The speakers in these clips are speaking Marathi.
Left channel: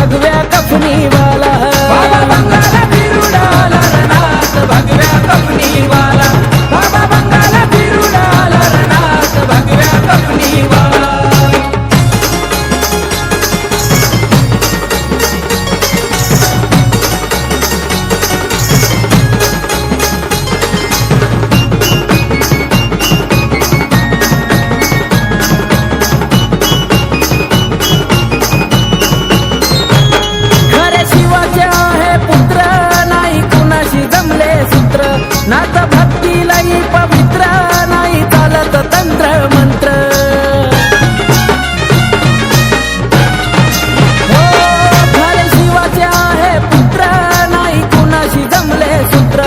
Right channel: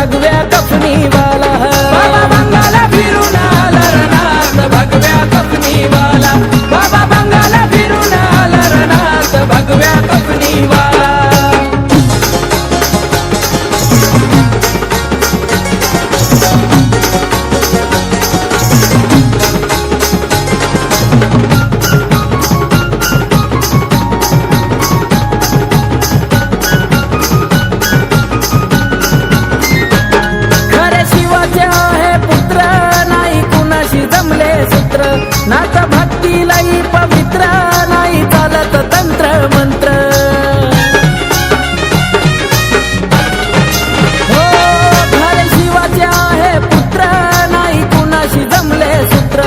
भगव्या कफनीवाला. आहे जमले सूत्र नात भक्तीलाही पवित्र नाही चालत तंत्र मंत्र. हो खरे शिवाचे आहे पुत्र नाही कुणाशी जमले सूत्र.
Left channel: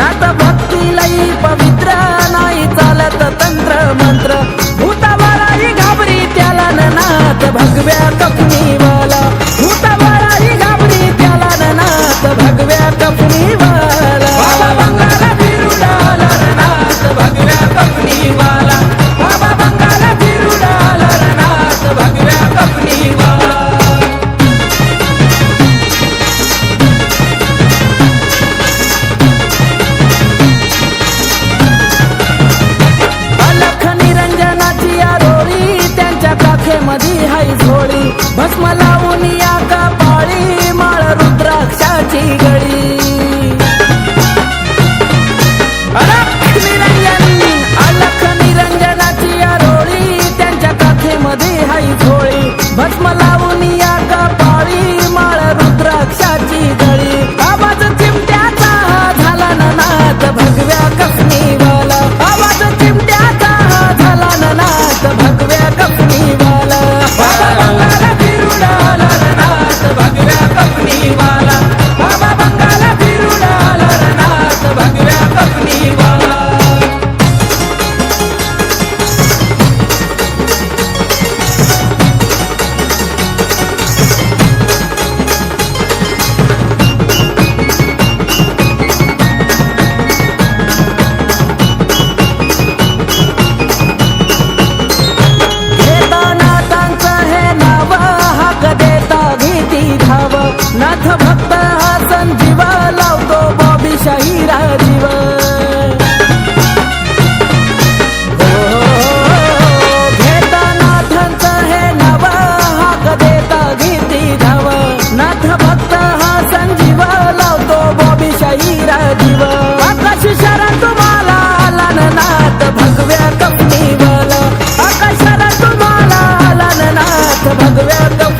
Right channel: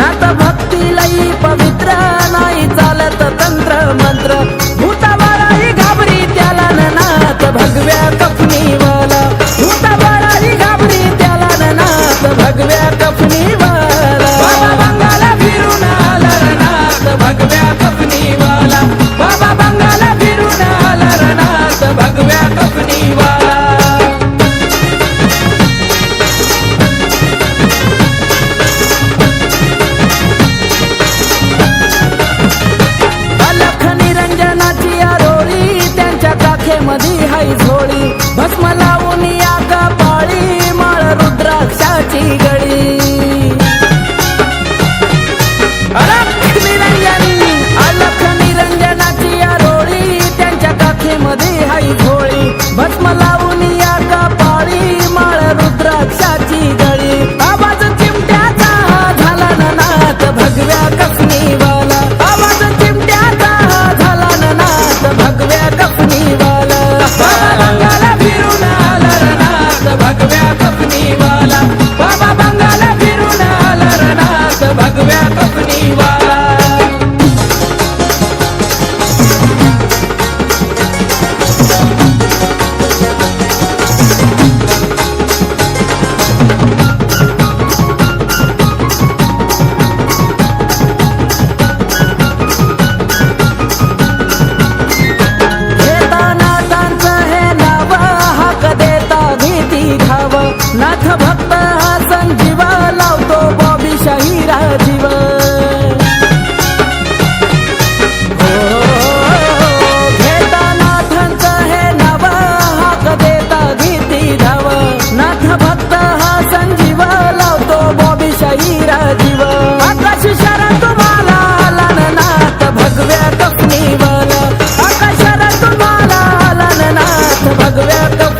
नात भक्तीलाही पवित्र नाही चालत तंत्र मंत्र. भूताबाळाही घाबरी त्याला न नाथ भगव्या कपनीवाला भूताबाळाही घाबरी त्याला न नाथ भगव्या कपनीवाला त्यांच्या काखेमध्ये हाय झोळी. भस्म लावून या कपाळी माळ रुद्राक्षाची गळी. अलख निरंजन अलख निरंजनाची आरोळी. त्यांच्या काखेमध्ये हाय झोळी. भस्म लावून या कपाळी माळ रुद्राक्षाची गळी. आवाज चिमट्याचा हा झाला ना नाथ भगव्या कफनीवाला नाथ भक्त हा संजीव लावतो बॉबी शाहीरा जीव. हो, घेता नाथांचं हे नव हाक देता भीती धाव. नाथ भक्त हा संजीव लावतो बॉबी शाहीरा जीव. आकाश शरण तुम्हाला आला नाथ भगव्या कपनीवाला आकाश शरण तुम्हाला आला न नाथ भगव्या कपनीवाला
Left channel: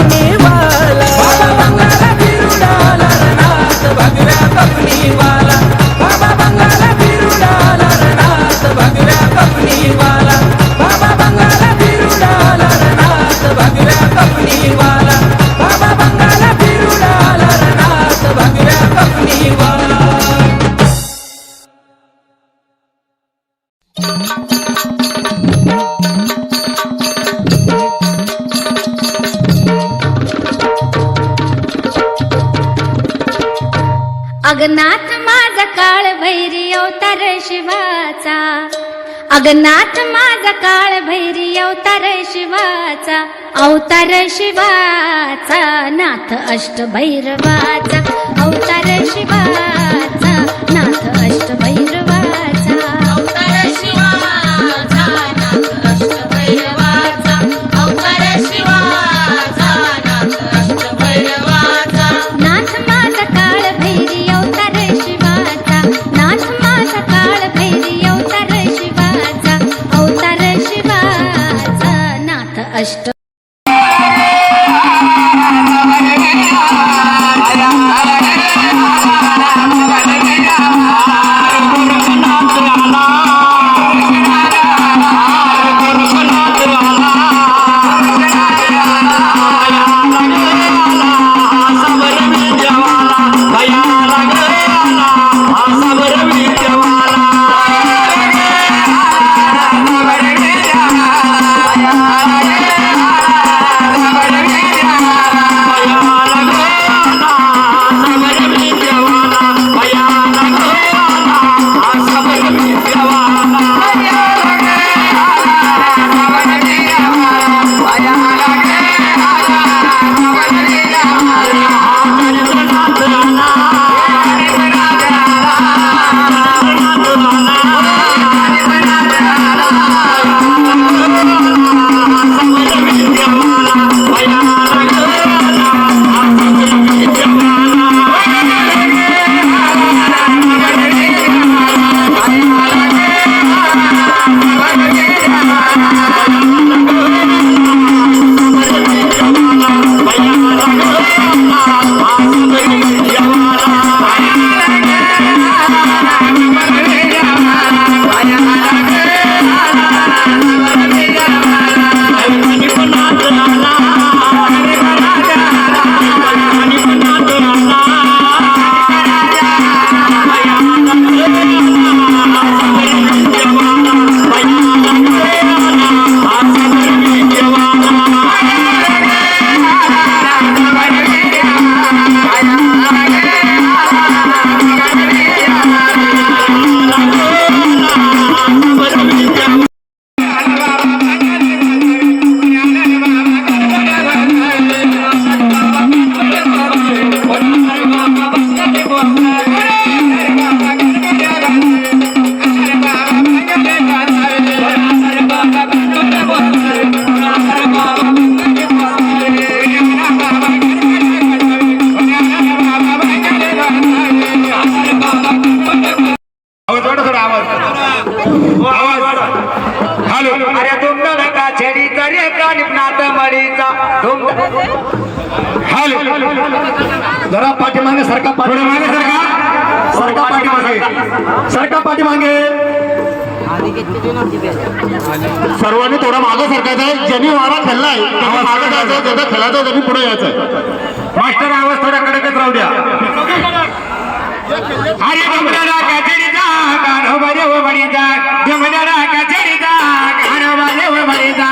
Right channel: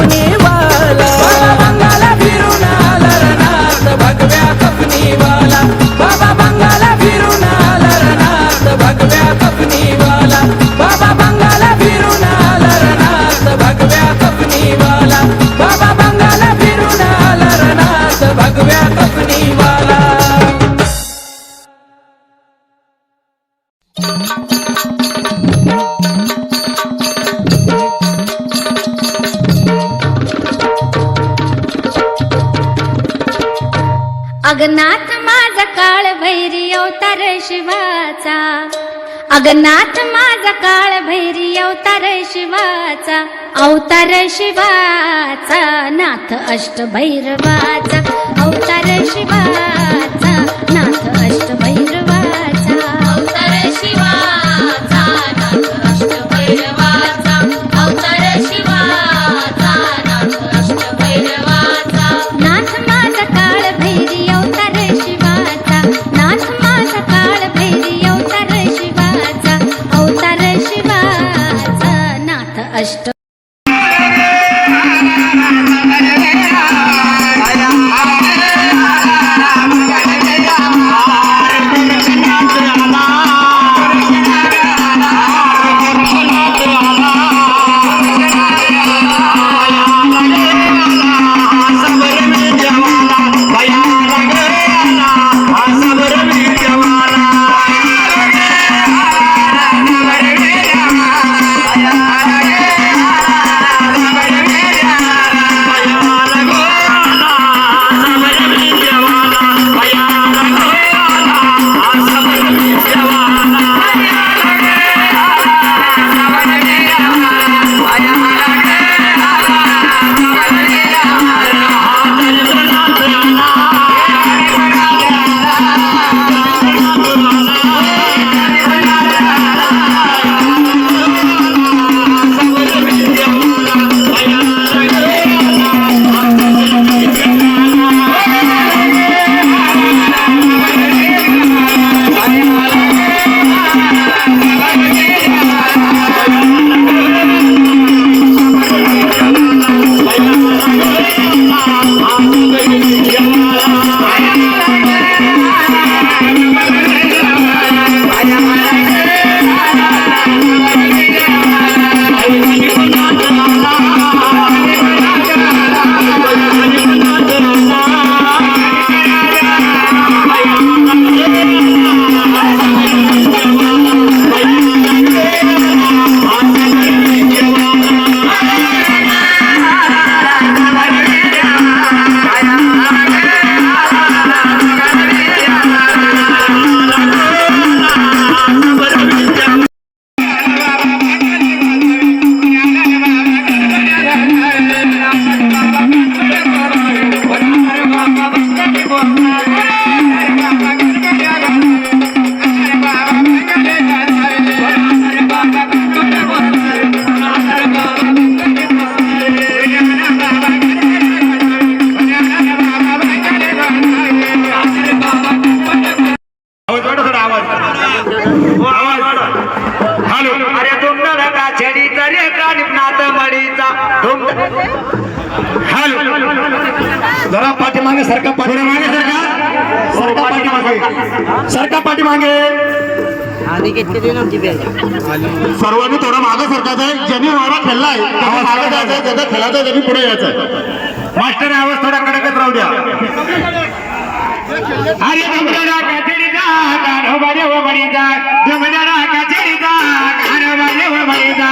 अगनाथ माझा काळ भैरी अवतार शिवाचा. अगनाथ माझा काळ भैरी अवतार शिवाचा. अवतार शिवाचा नाथ अष्ट भैरवाचा अवतार शिवाचा नाथ अष्ट सरका पाठीमागे. सर्वांनी थोडा मागं सरकायचं ज्यांनी वारा खेळलाय मागं जायचं त्याचा खेळायचं त्यांनी पुढे यायचंय मास्टर आवाज थोडा कडकच राहू द्या. अरे गमड्याला काचेरीचा कान्होबा देव बळीचा गमड्याला काचेरीचा कान्होबा देव बळीचा